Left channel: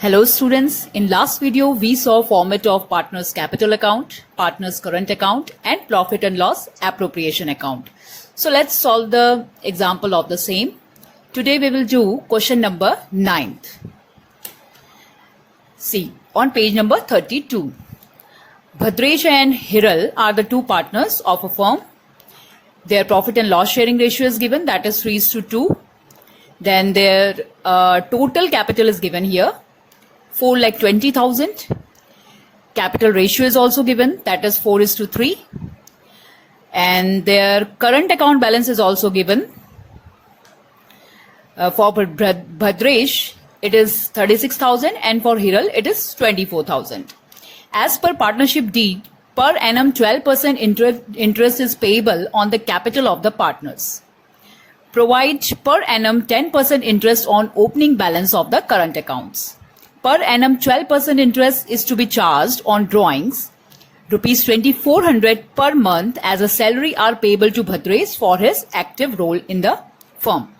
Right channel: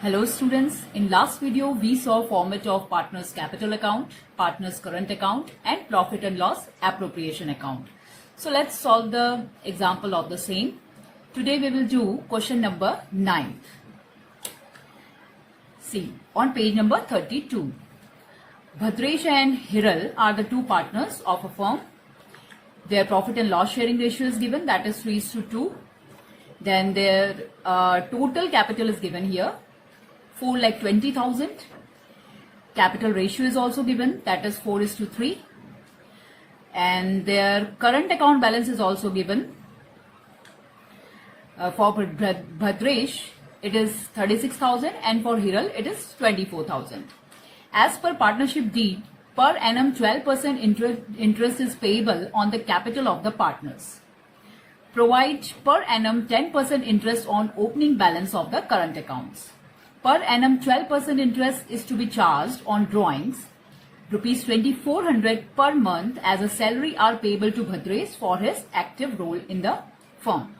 Hello students, in last video we saw format of partner's capital account, partner's current account and profit and loss appropriation account. So let's solve the example of the same. Today we will do question number 9. See, on page number 32. Bhadresh and Hiral are the two partners of a firm. Their profit and loss sharing ratio is given, that is 3:2. Then their total capital is given here, 4,20,000. Capital ratio is also given, that is 4:3. And their current account balance is also given. For Bhadresh, it is 36,000 and for Hiral, it is 24,000. As per partnership deed, per annum 12% interest is payable on the capital of the partners. Provide per annum 10% interest on opening balance of the current accounts. Per annum 12% interest is to be charged on drawings. Rupees 2,400 per month as a salary are payable to Bhadresh for his active role in the firm.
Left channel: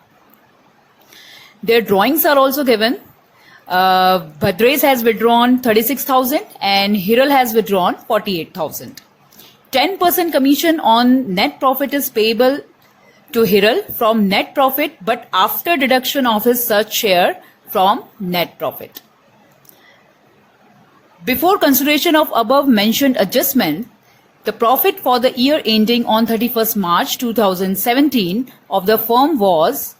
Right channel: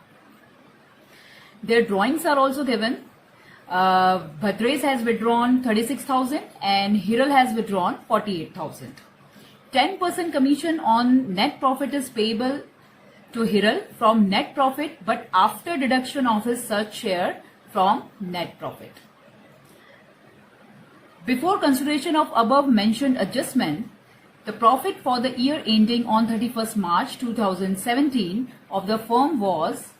Their drawings are also given. Bhadresh has withdrawn 36,000 and Hiral has withdrawn 48,000. 10% commission on net profit is payable to Hiral from net profit, but after deduction of his such share from net profit. Before consideration of above mentioned adjustment, the profit for the year ending on 31st March 2017 of the firm was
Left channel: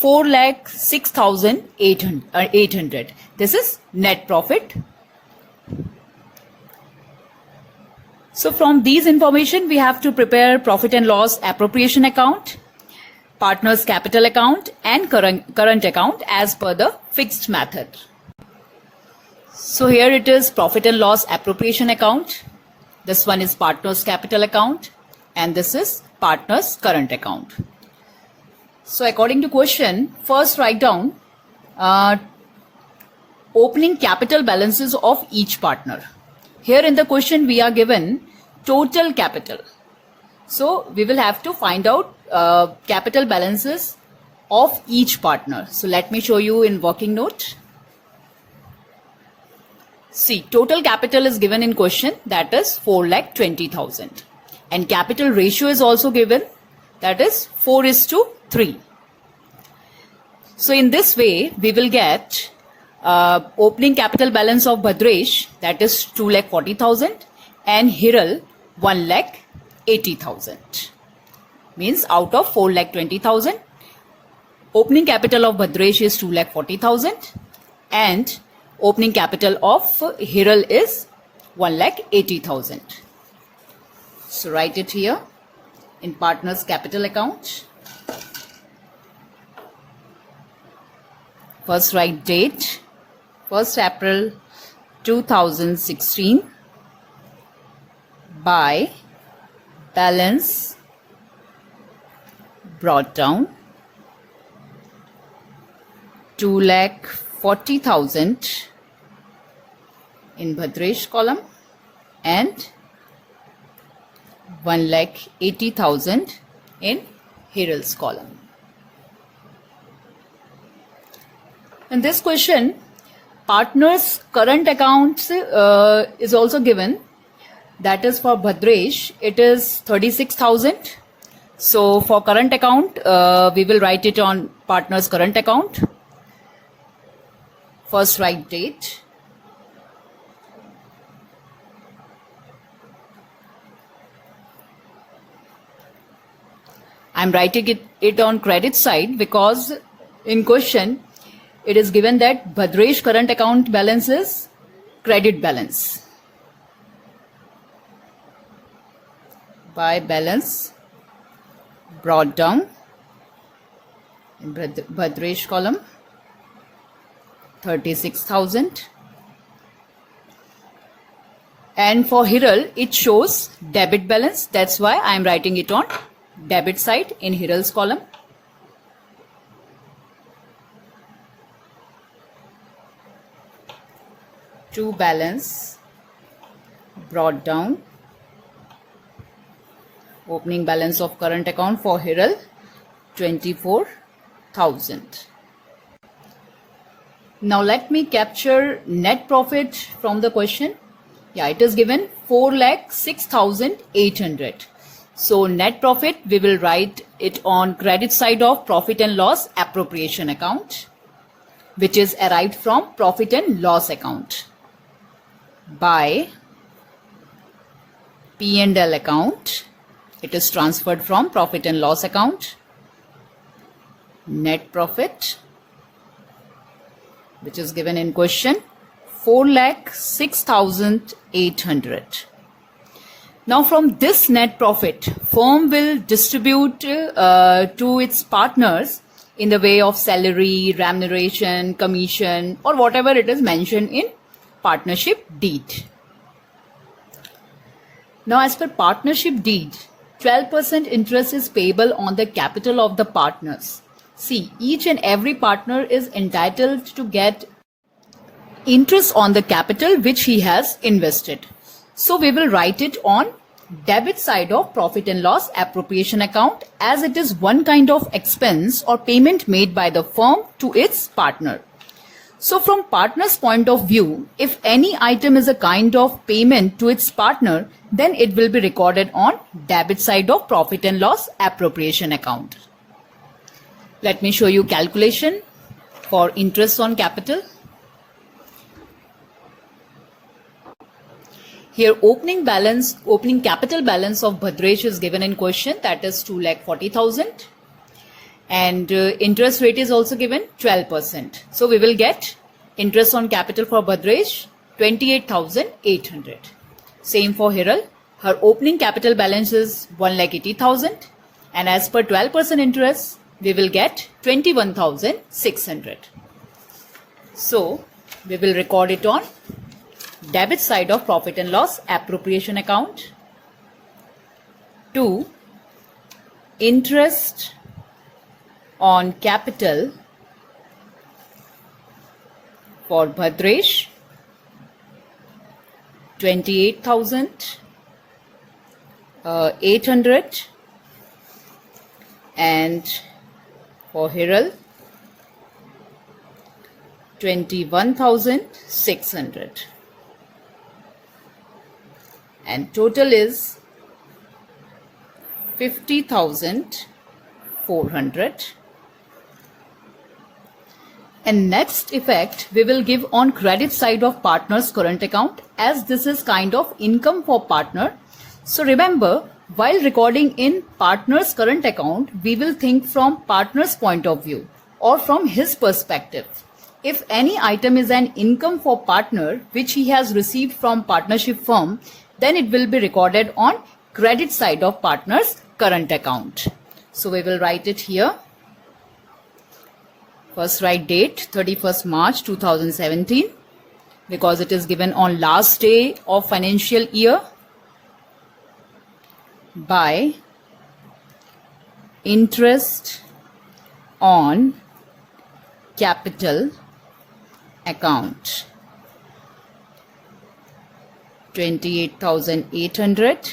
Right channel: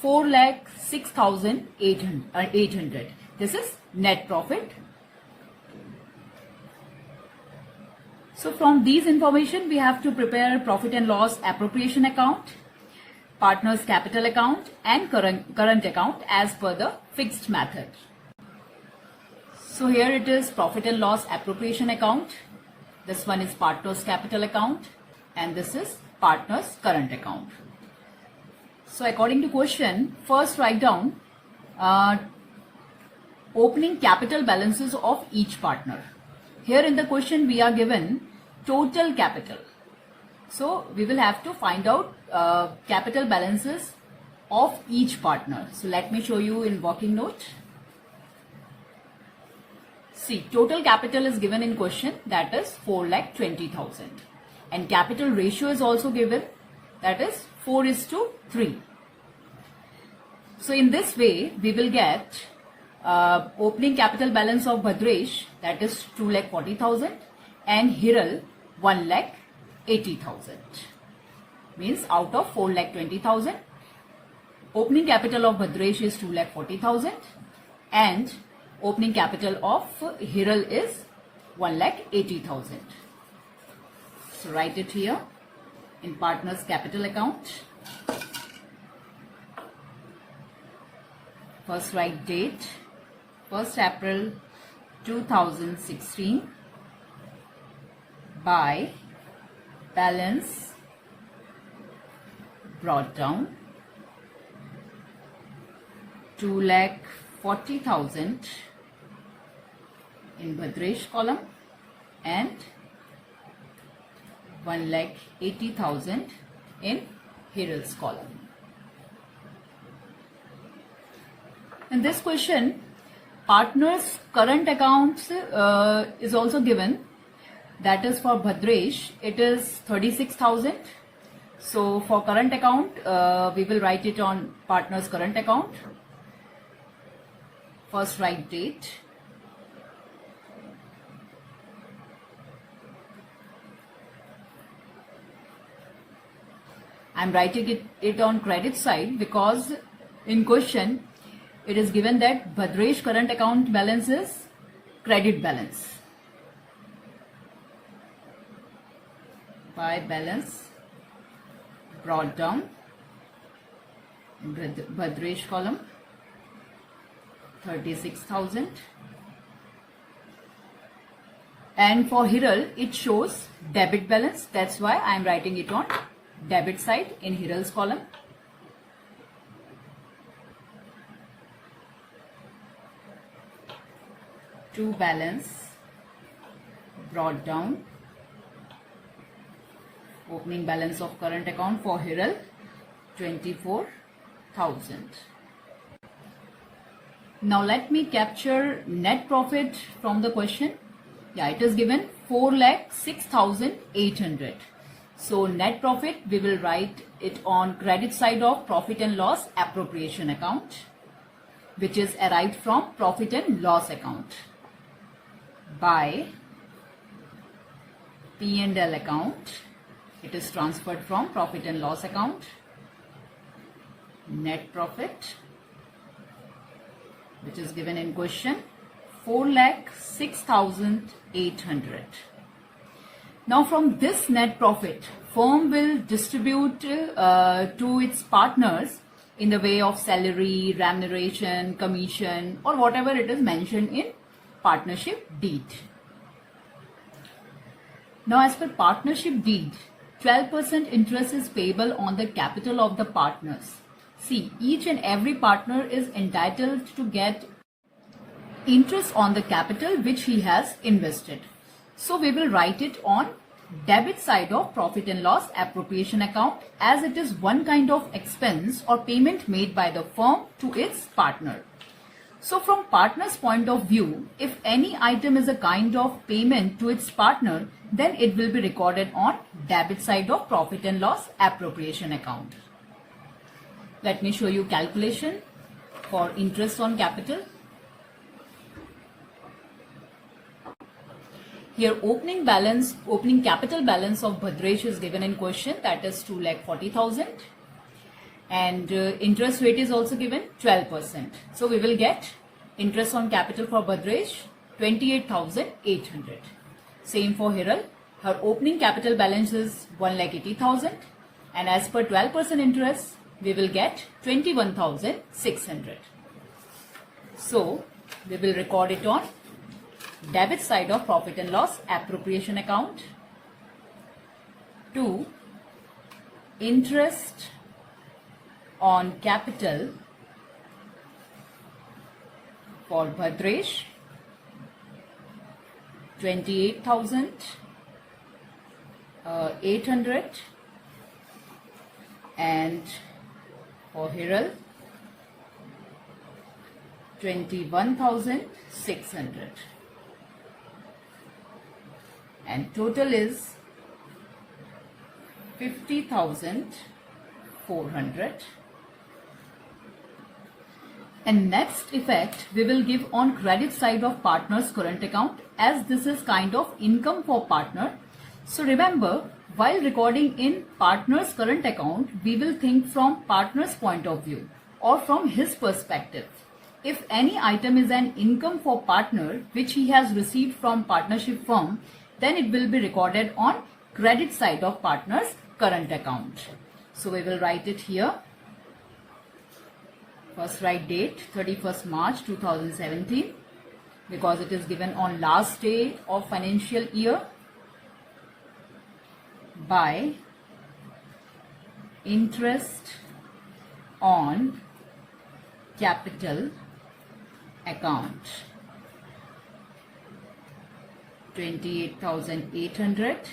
4,06,800. This is net profit. So from these information, we have to prepare profit and loss appropriation account, partner's capital account and current account as per the fixed method. So here it is profit and loss appropriation account. This one is partner's capital account and this is partner's current account. So according to question, first write down opening capital balances of each partner. Here in the question we are given total capital. So we will have to find out capital balances of each partner. So let me show you in working note. See, total capital is given in question, that is 4,20,000. And capital ratio is also given, that is 4:3. So in this way, we will get opening capital balance of Bhadresh, that is 2,40,000 and Hiral 1,80,000. Means out of 4,20,000, opening capital of Bhadresh is 2,40,000 and opening capital of Hiral is 1,80,000. So write it here in partner's capital account. First write date, 1st April 2016 by balance brought down 2,40,000 in Bhadresh column and 1,80,000 in Hiral's column. In this question, partner's current accounts is also given. That is for Bhadresh, it is 36,000. So for current account, we will write it on partner's current account. First write date. I am writing it on credit side because in question it is given that Bhadresh current account balance is credit balance. By balance brought down in Bhadresh column 36,000 and for Hiral it shows debit balance, that's why I am writing it on debit side in Hiral's column. To balance brought down opening balance of current account for Hiral 24,000. Now let me capture net profit from the question. Yeah, it is given 4,06,800. So net profit, we will write it on credit side of profit and loss appropriation account, which is arrived from profit and loss account, by P&L account. It is transferred from profit and loss account. Net profit, which is given in question, 4,06,800. Now from this net profit, firm will distribute to its partners in the way of salary, remuneration, commission, or whatever it is mentioned in partnership deed. Now as per partnership deed, 12% interest is payable on the capital of the partners. See, each and every partner is entitled to get interest on the capital which he has invested. So we will write it on debit side of profit and loss appropriation account, as it is one kind of expense or payment made by the firm to its partner. So from partner's point of view, if any item is a kind of payment to its partner, then it will be recorded on debit side of profit and loss appropriation account. Let me show you calculation for interest on capital. Here opening capital balance of Bhadresh is given in question, that is 2,40,000, and interest rate is also given 12%. So we will get interest on capital for Bhadresh 28,800. Same for Hiral. Her opening capital balance is 1,80,000, and as per 12% interest, we will get 21,600. So we will record it on debit side of profit and loss appropriation account to interest on capital for Bhadresh 28,800, and for Hiral 21,600, and total is 50,400. And next effect we will give on credit side of partner's current account, as this is kind of income for partner. So remember, while recording in partner's current account, we will think from partner's point of view or from his perspective. If any item is an income for partner which he has received from partnership firm, then it will be recorded on credit side of partner's current account. So we will write it here. First write date 31st March 2017, because it is given on last day of financial year, by interest on capital account 28,800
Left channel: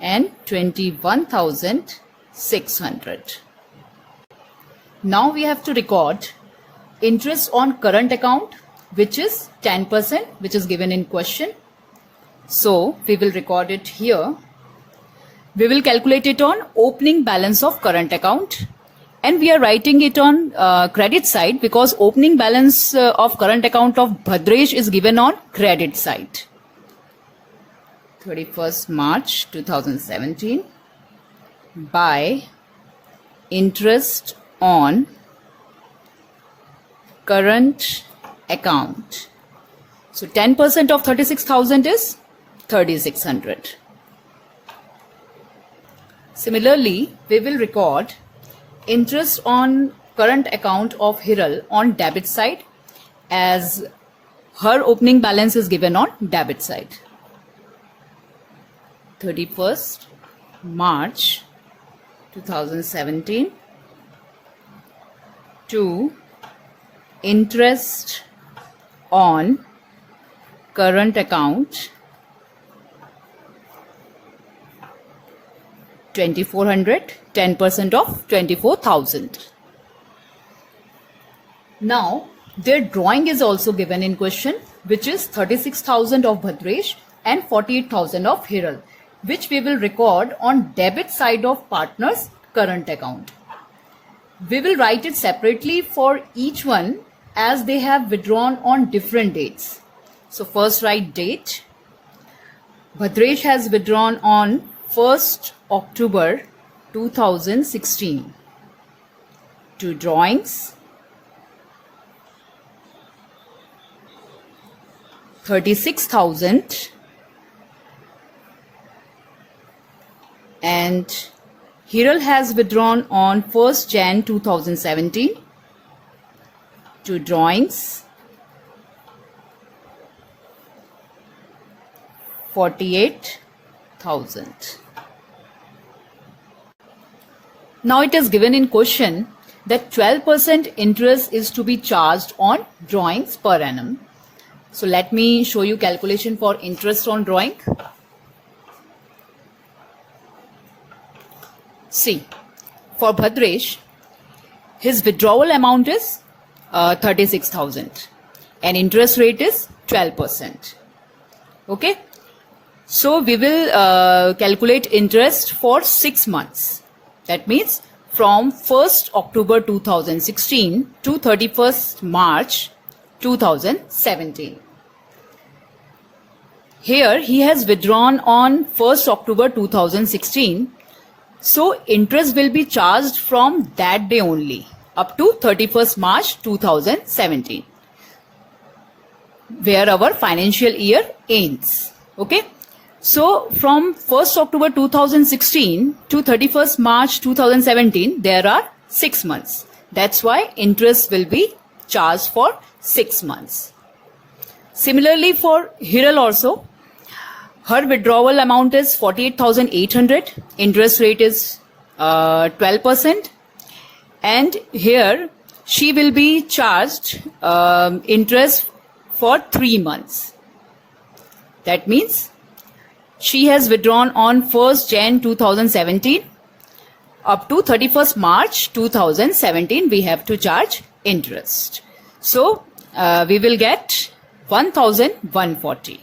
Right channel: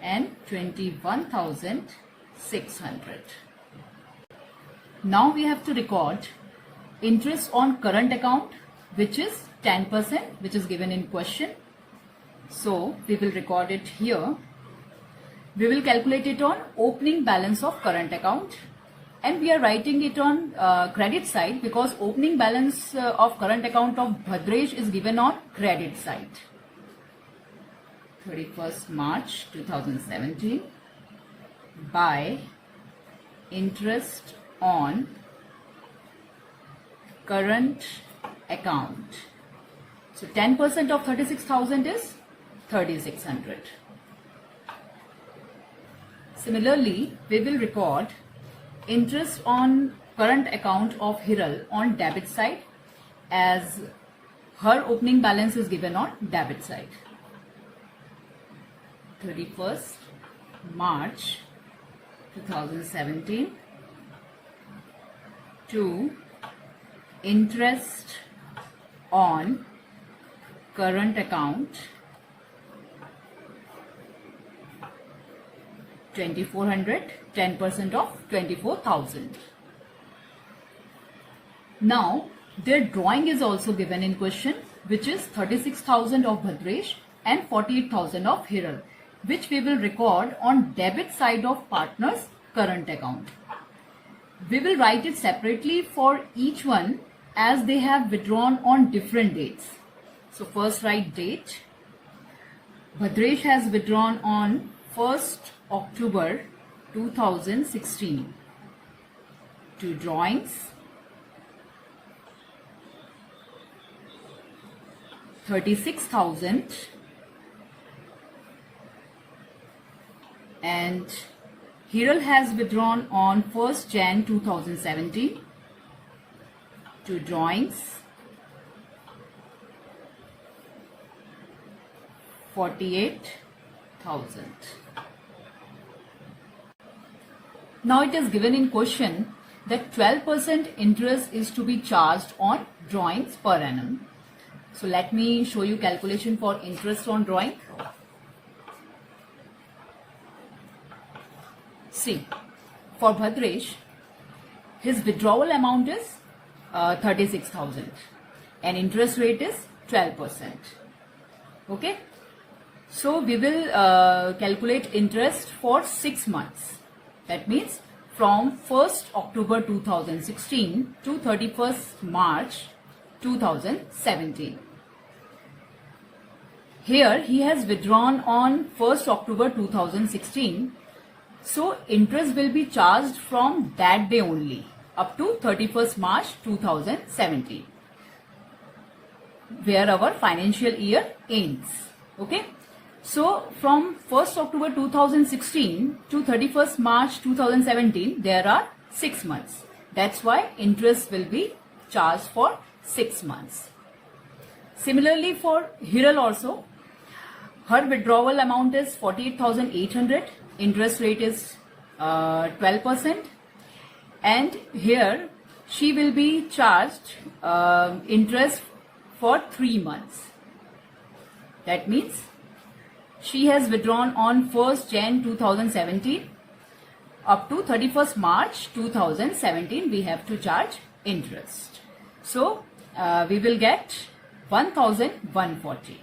and 21,600. Now we have to record interest on current account, which is 10%, which is given in question. So we will record it here. We will calculate it on opening balance of current account, and we are writing it on credit side because opening balance of current account of Bhadresh is given on credit side. 31st March 2017 by interest on current account. So 10% of 36,000 is 3,600. Similarly, we will record interest on current account of Hiral on debit side, as her opening balance is given on debit side. 31st March 2017 to interest on current account 2,400, 10% of 24,000. Now Their drawing is also given in question, which is 36,000 of Bhadresh and 48,000 of Hiral, which we will record on debit side of partner's current account. We will write it separately for each one as they have withdrawn on different dates. So first write date. Bhadresh has withdrawn on 1st October 2016. To drawings, 36,000, and Hiral has withdrawn on 1st Jan 2017. To drawings, 48,000. Now it is given in question that 12% interest is to be charged on drawings per annum. So let me show you calculation for interest on drawing. See, for Bhadresh, his withdrawal amount is 36,000 and interest rate is 12%. Okay, so we will calculate interest for 6 months. That means from 1st October 2016 to 31st March 2017. Here he has withdrawn on 1st October 2016. So interest will be charged from that day only up to 31st March 2017, where our financial year ends. Okay. So from 1st October 2016 to 31st March 2017, there are 6 months. That's why interest will be charged for 6 months. Similarly for Hiral also, her withdrawal amount is 48,800. Interest rate is 12%. And here she will be charged interest for 3 months. That means she has withdrawn on 1st Jan 2017 up to 31st March 2017. We have to charge interest. So we will get 1,140.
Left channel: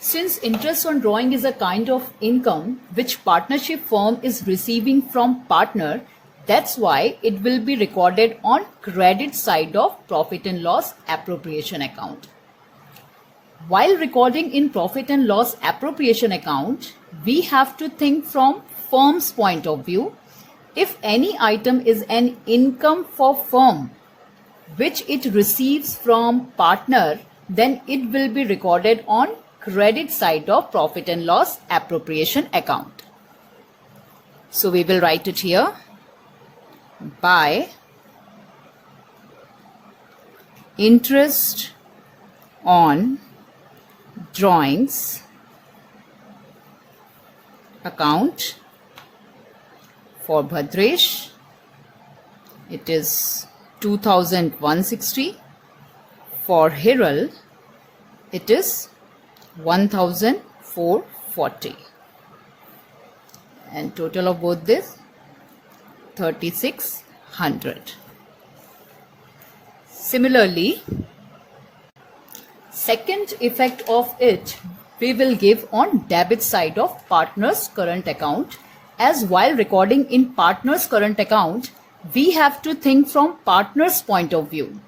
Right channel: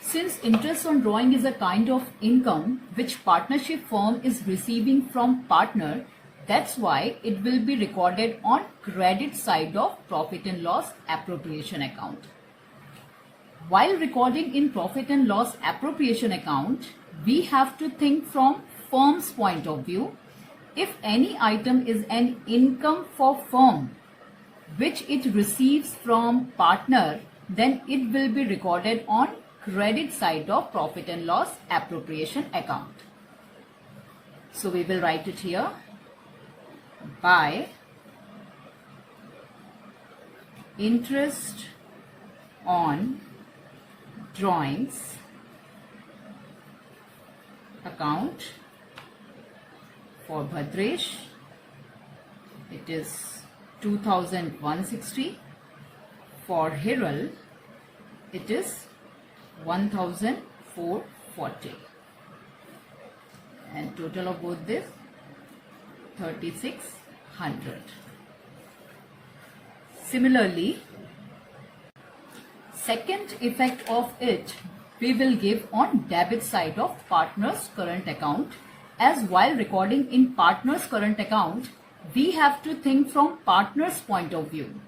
Since interest on drawing is a kind of income which partnership firm is receiving from partner, that's why it will be recorded on credit side of profit and loss appropriation account. While recording in profit and loss appropriation account, we have to think from firm's point of view. If any item is an income for firm which it receives from partner, then it will be recorded on credit side of profit and loss appropriation account. So we will write it here by interest on drawings account for Bhadresh, it is 2,160. For Hiral, it is 1,440. And total of both this 3,600. Similarly, second effect of it we will give on debit side of partner's current account, as while recording in partner's current account, we have to think from partner's point of view.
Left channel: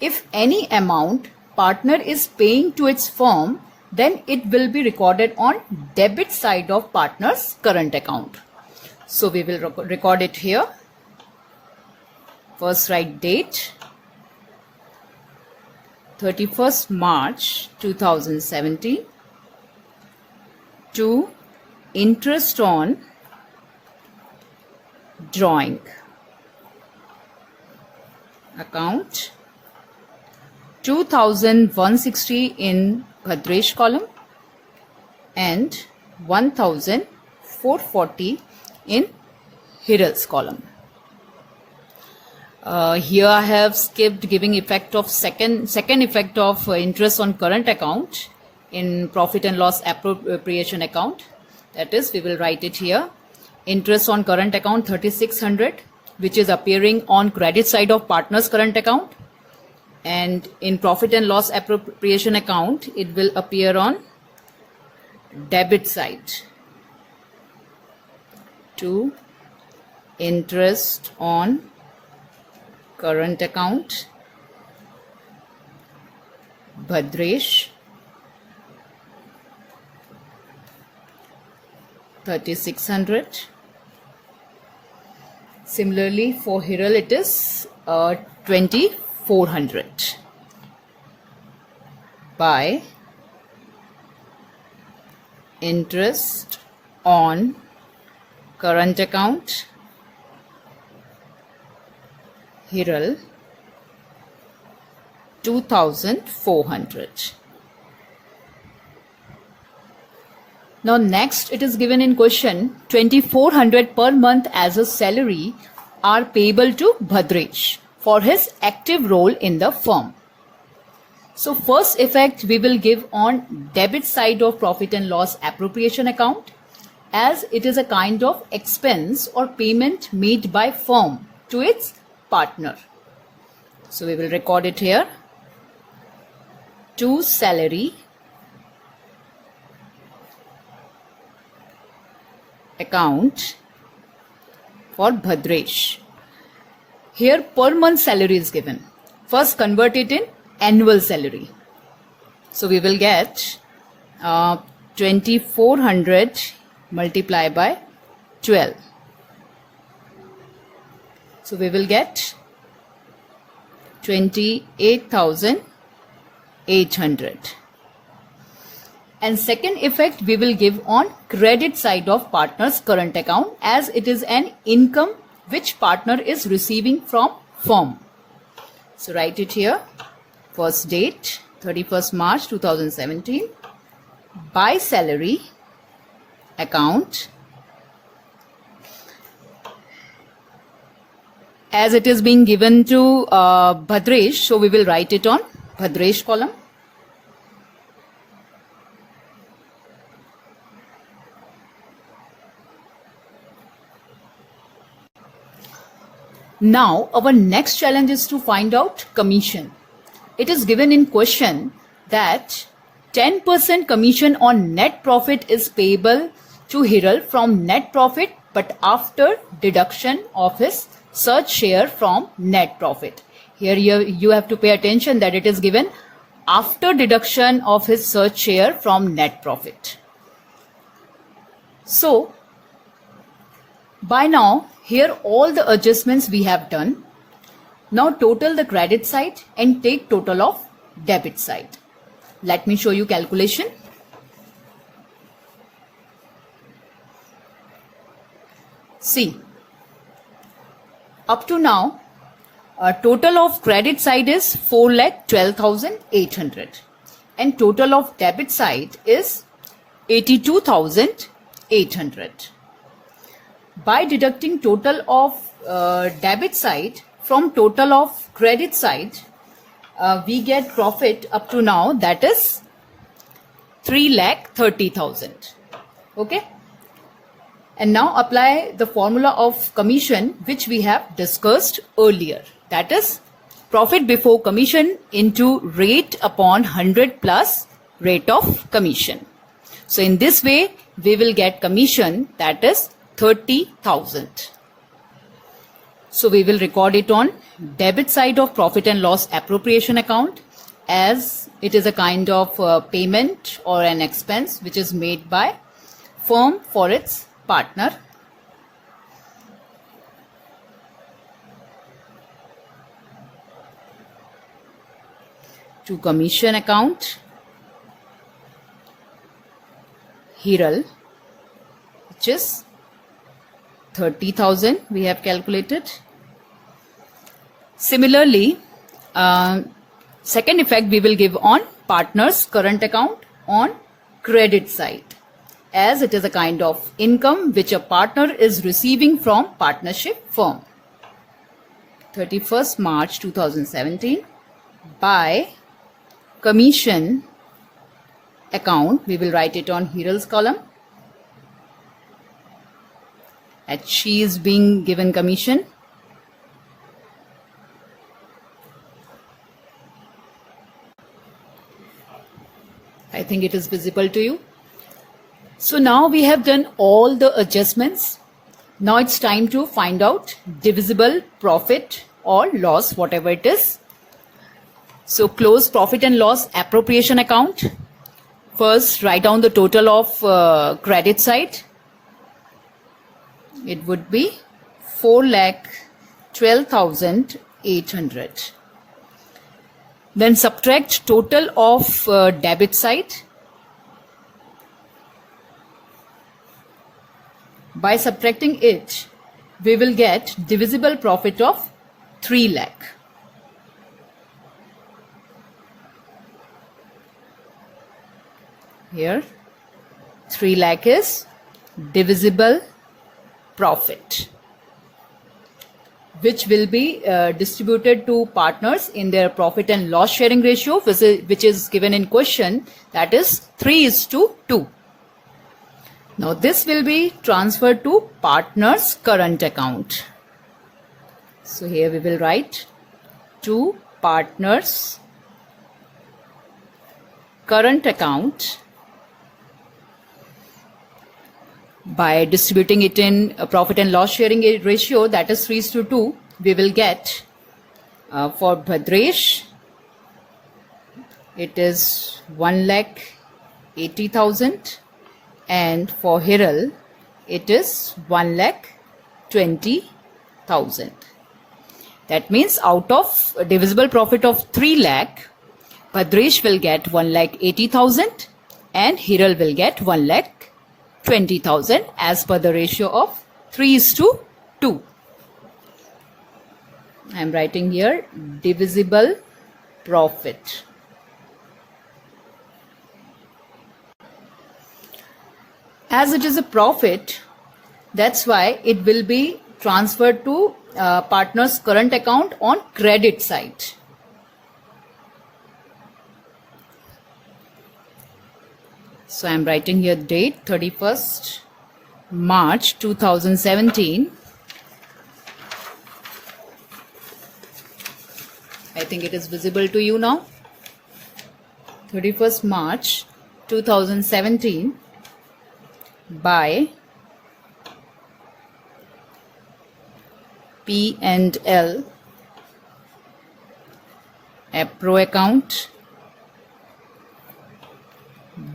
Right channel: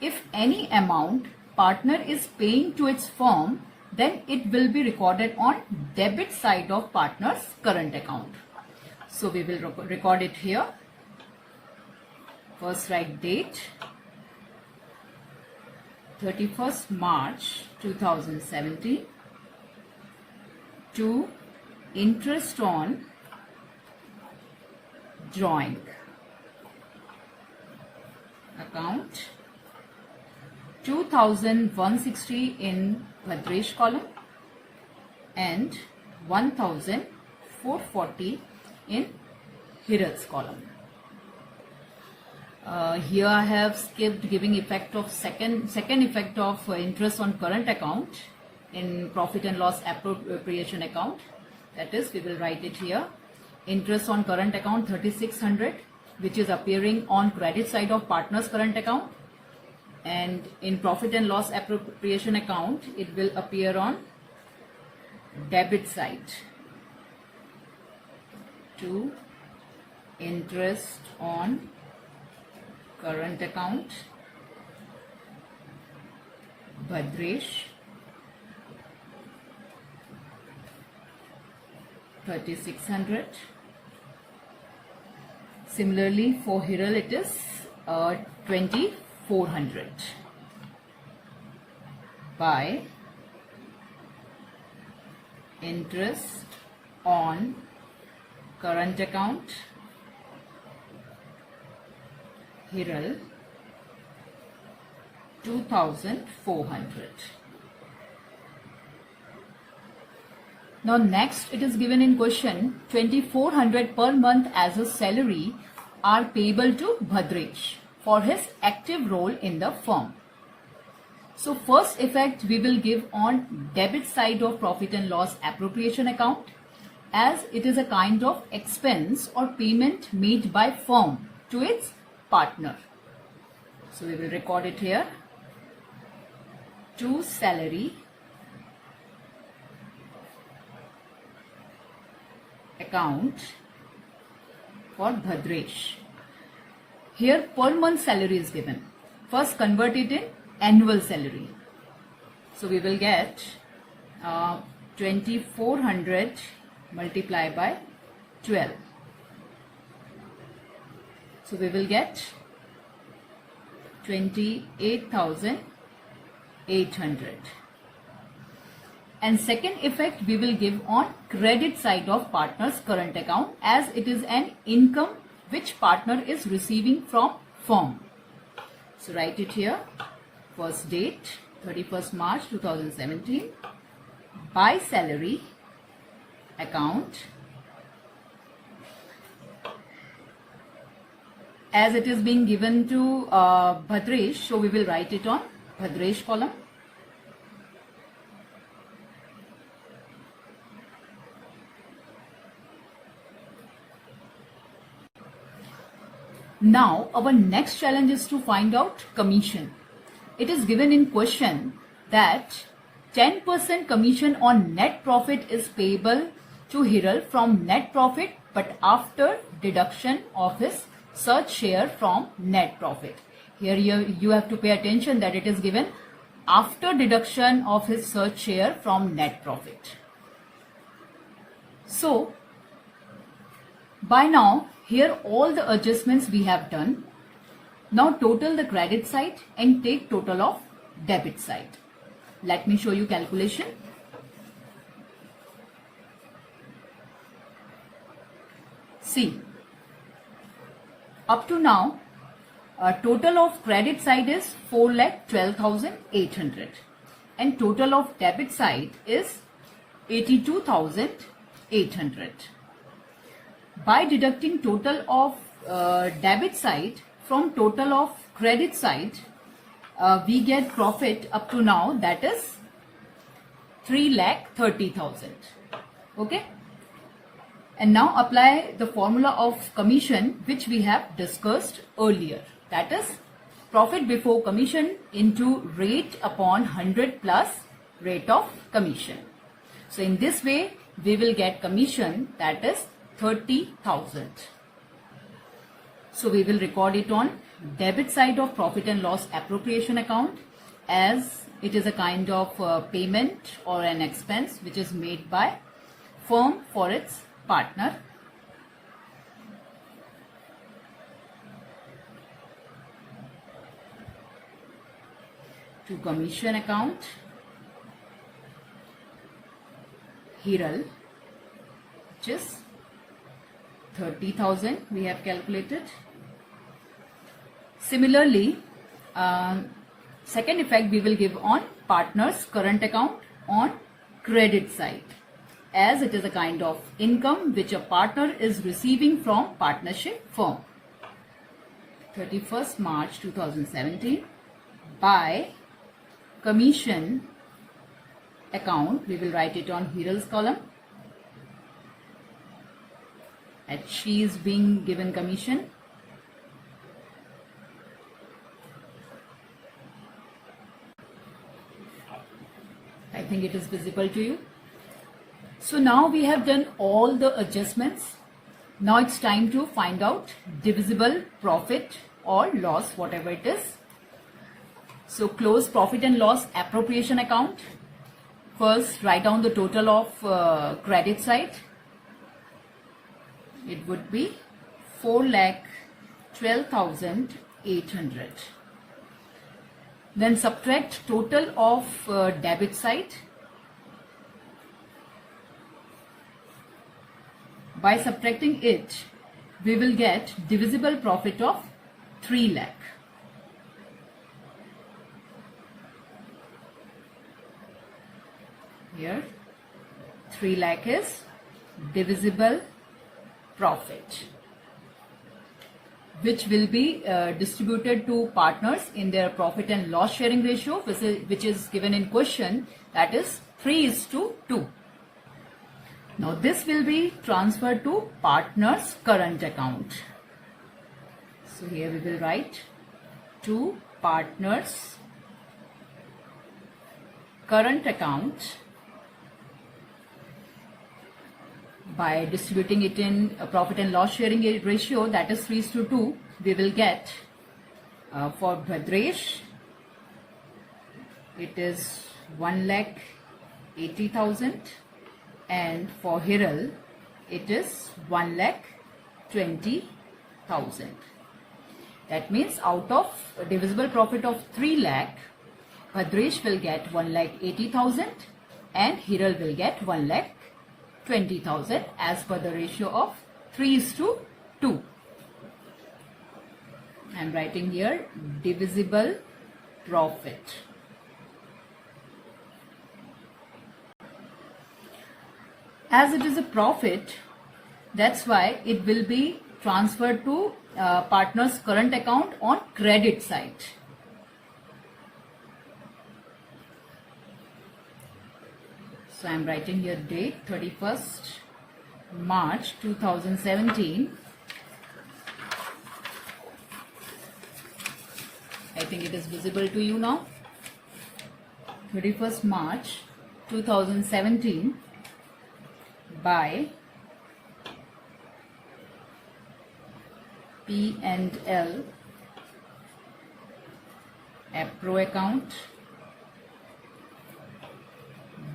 If any amount partner is paying to its firm, then it will be recorded on debit side of partner's current account. So we will record it here. First write date, 31st March 2017, to interest on drawing account, 2,160 in Bhadresh column and 1,440 in Hiral's column. Here I have skipped giving effect of second effect of interest on current account in profit and loss appropriation account. That is, we will write it here. Interest on current account 3,600 which is appearing on credit side of partner's current account, and in profit and loss appropriation account it will appear on debit side to interest on current account Bhadresh 3600. Similarly for Hiral it is 2400 by interest on current account Hiral 2400. Now next it is given in question 2400 per month as a salary are payable to Bhadresh for his active role in the firm. So first effect we will give on debit side of profit and loss appropriation account, as it is a kind of expense or payment made by firm to its partner. So we will record it here. To salary account for Bhadresh. Here per month salary is given. First convert it in annual salary. So we will get 2400 multiplied by 12. So we will get 28,800. And second effect we will give on credit side of partner's current account, as it is an income which partner is receiving from firm. So write it here. First date 31st March 2017 by salary account, as it is being given to Bhadresh, so we will write it on Bhadresh column. Now our next challenge is to find out commission. It is given in question that 10% commission on net profit is payable to Hiral from net profit, but after deduction of his search share from net profit. Here you have to pay attention that it is given after deduction of his search share from net profit. So by now here all the adjustments we have done. Now total the credit side and take total of debit side. Let me show you calculation. See, up to now total of credit side is 4,12,800 and total of debit side is 82,800. By deducting total of debit side from total of credit side, we get profit up to now, that is 3,30,000. Okay. And now apply the formula of commission which we have discussed earlier. That is profit before commission into rate upon 100 plus rate of commission. So in this way we will get commission, that is 30,000. So we will record it on debit side of profit and loss appropriation account, as it is a kind of payment or an expense which is made by firm for its partner. To commission account Hiral, which is 30,000 we have calculated. Similarly, second effect we will give on partner's current account on credit side, as it is a kind of income which a partner is receiving from partnership firm. 31st March 2017 by commission account, we will write it on Hiral's column, and she is being given commission I think it is visible to you. So now we have done all the adjustments. Now it's time to find out divisible profit or loss, whatever it is. So close profit and loss appropriation account. First, write down the total of credit side. It would be 4,12,800. Then subtract total of debit side. By subtracting it, we will get divisible profit of 3 lakh. Here, 3 lakh is divisible profit, which will be distributed to partners in their profit and loss sharing ratio, which is given in question, that is 3:2. Now this will be transferred to partner's current account. So here we will write to partner's current account. By distributing it in a profit and loss sharing ratio, that is 3:2, we will get for Bhadresh, it is 1,80,000, and for Hiral, it is 1,20,000. That means out of a divisible profit of 3 lakh, Bhadresh will get 1,80,000 and Hiral will get 1,20,000 as per the ratio of 3:2. I am writing here divisible profit. As it is a profit, that's why it will be transferred to partner's current account on credit side. So I am writing here the date 31st March 2017. I think it is visible to you now. 31st March 2017 by P&L APRO account,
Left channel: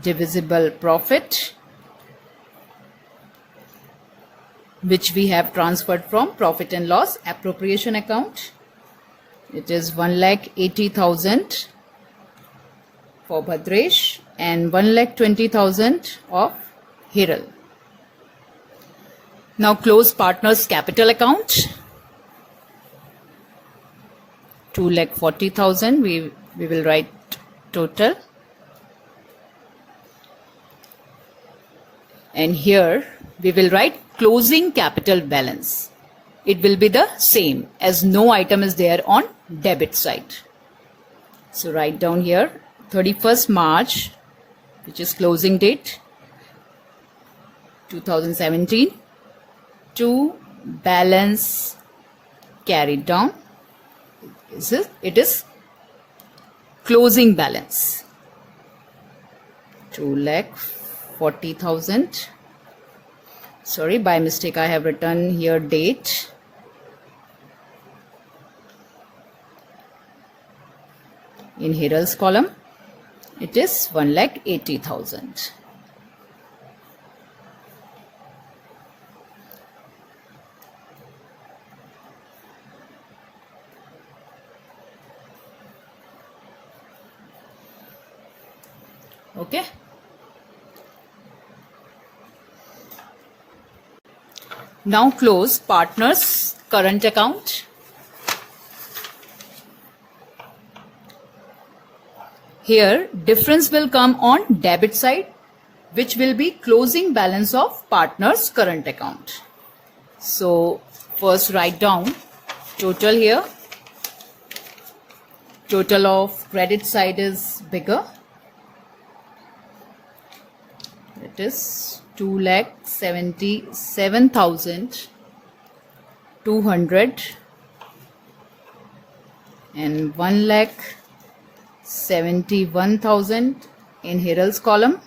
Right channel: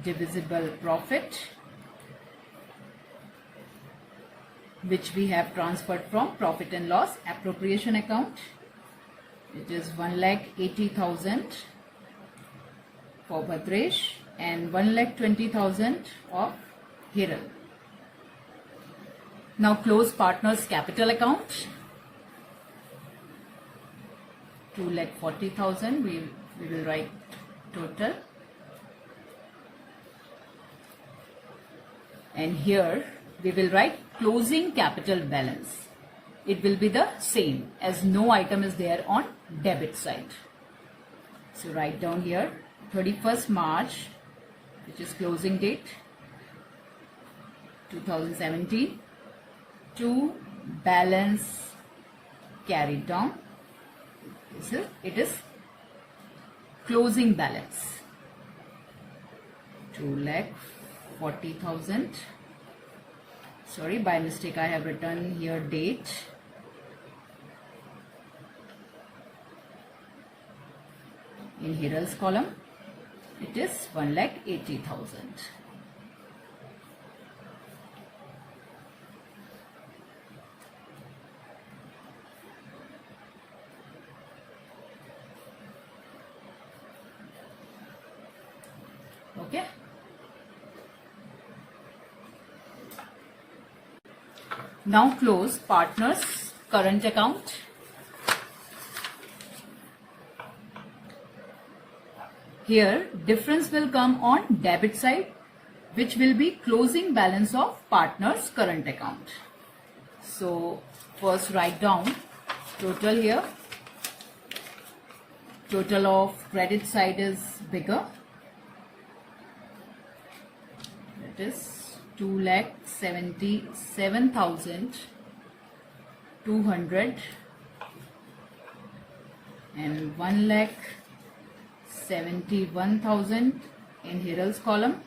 divisible profit, which we have transferred from profit and loss appropriation account. It is 1,80,000 for Bhadresh and 1,20,000 of Hiral. Now close partner's capital account. 2,40,000. We will write total. And here we will write closing capital balance. It will be the same as no item is there on debit side. So write down here 31st March, which is closing date 2017, to balance carried down. It is closing balance 2,40,000. Sorry, by mistake I have written here date. In Hiral's column, it is 1,80,000. Okay. Now close partner's current account. Here difference will come on debit side, which will be closing balance of partner's current account. So first write down total here. Total of credit side is bigger. It is 2,77,200 and 1,71,200 in Hiral's column.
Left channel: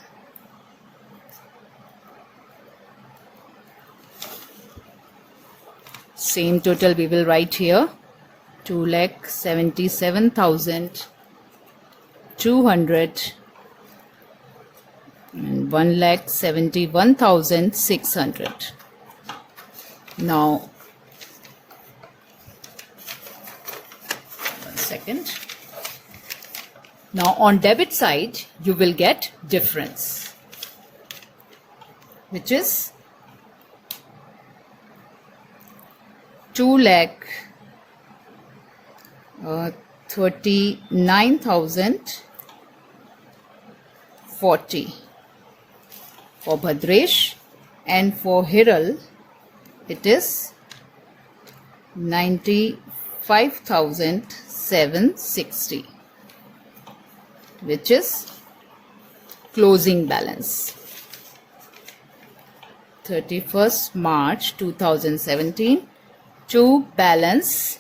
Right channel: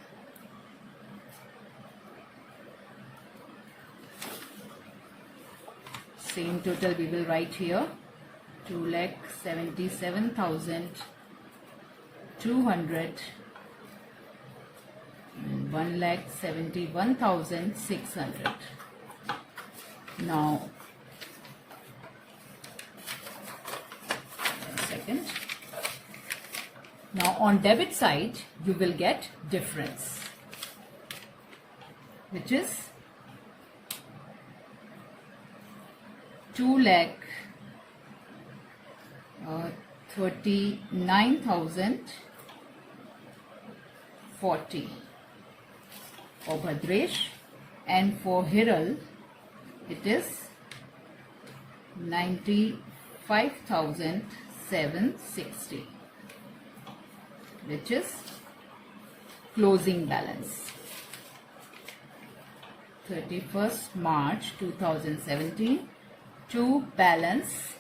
Same total we will write here, 2,77,200 and 1,71,600. Now, one second. Now on debit side, you will get difference, which is 2,39,040 for Bhadresh, and for Hiral it is 95,760, which is closing balance. 31st March 2017, to balance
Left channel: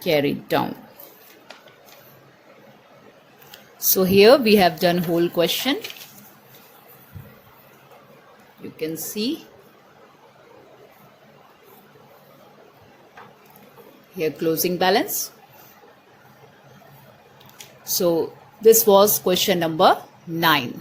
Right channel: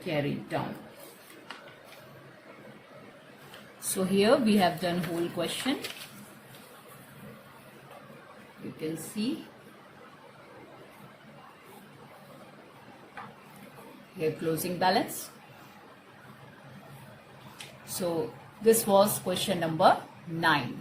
carried down. So here we have done whole question. You can see here closing balance. So this was question number 9.